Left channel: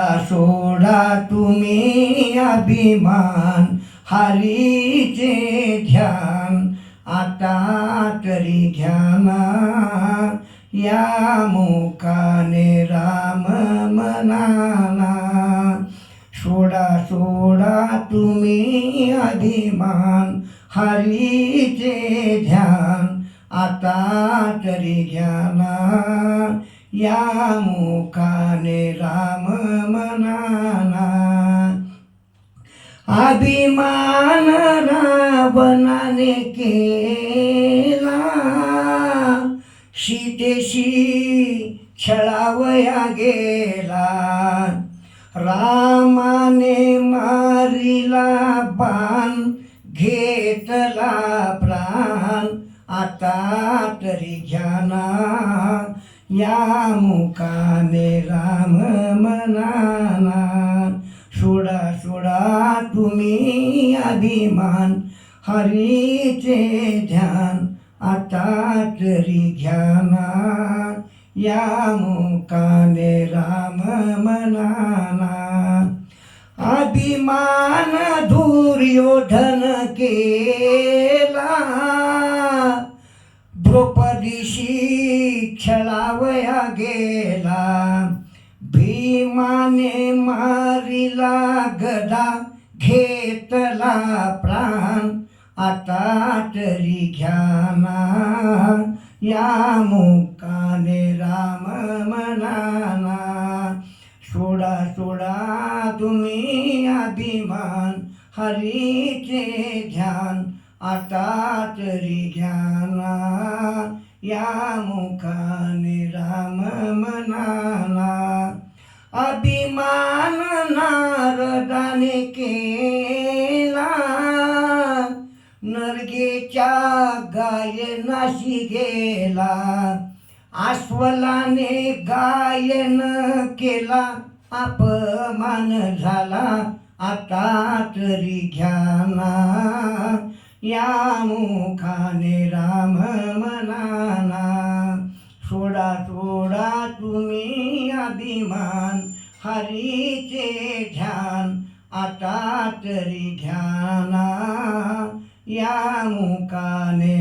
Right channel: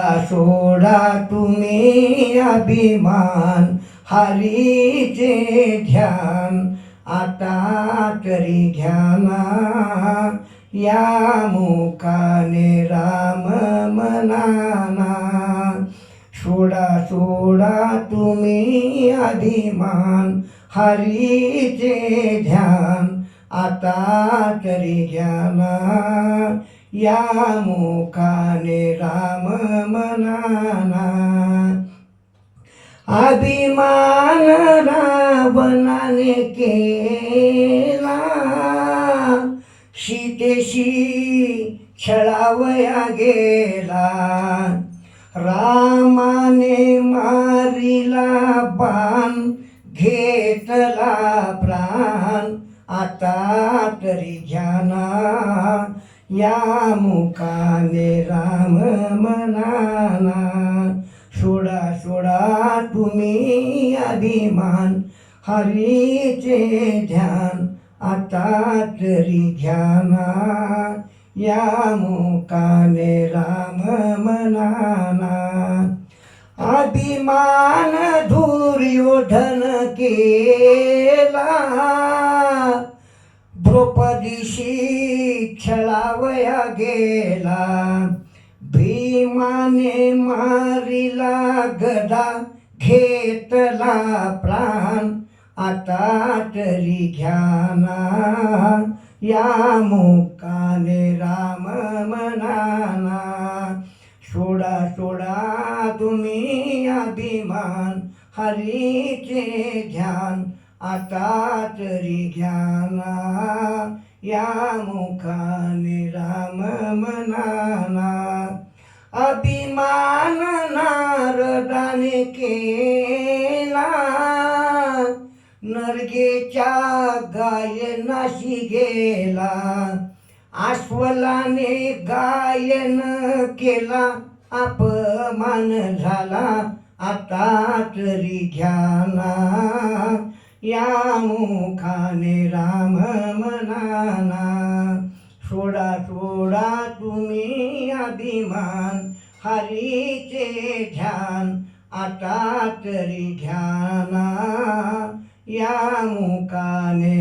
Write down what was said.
सोडा तुम्ही अभिमान हरीचे ध्यान आता तरी घ्याना. या मुखाने राम मनाना. सोडा सोडा तुम्ही अभिमान हरीचे ध्यान आता तरी घ्याना. या मुखाने राम अभिमान रावणाने केला. सीतेशी छळावया गेला. रामाने मारिला बाण घेतला प्राण. आता तरी घ्याना या मुकाने राम मनाना. मान हरीचे ध्यान आता तरी घ्याना या मुकाने राम मनाना. अभिमान दुर्योधन केला. द्रौपदीशी खेळावया गेला. भीमाने मारिला गदा. घेतला प्राण आता तरी घ्याना या मुकाने राम मनाना. सोडा सोडा तुम्ही अभिमान हरीचे ध्यान आता तरी घ्याना या मुखाने राम मनाना. अभि केला. नरगेच्या गायनाशी गेला. अस्वलाने गायन केला. अपमान झाला. आता तरी घ्याना या मुखाने राम मनाना. सोडा सोडा तुम्ही अभिमान. हरीचे ध्यान आता तरी घ्याना या मुकाने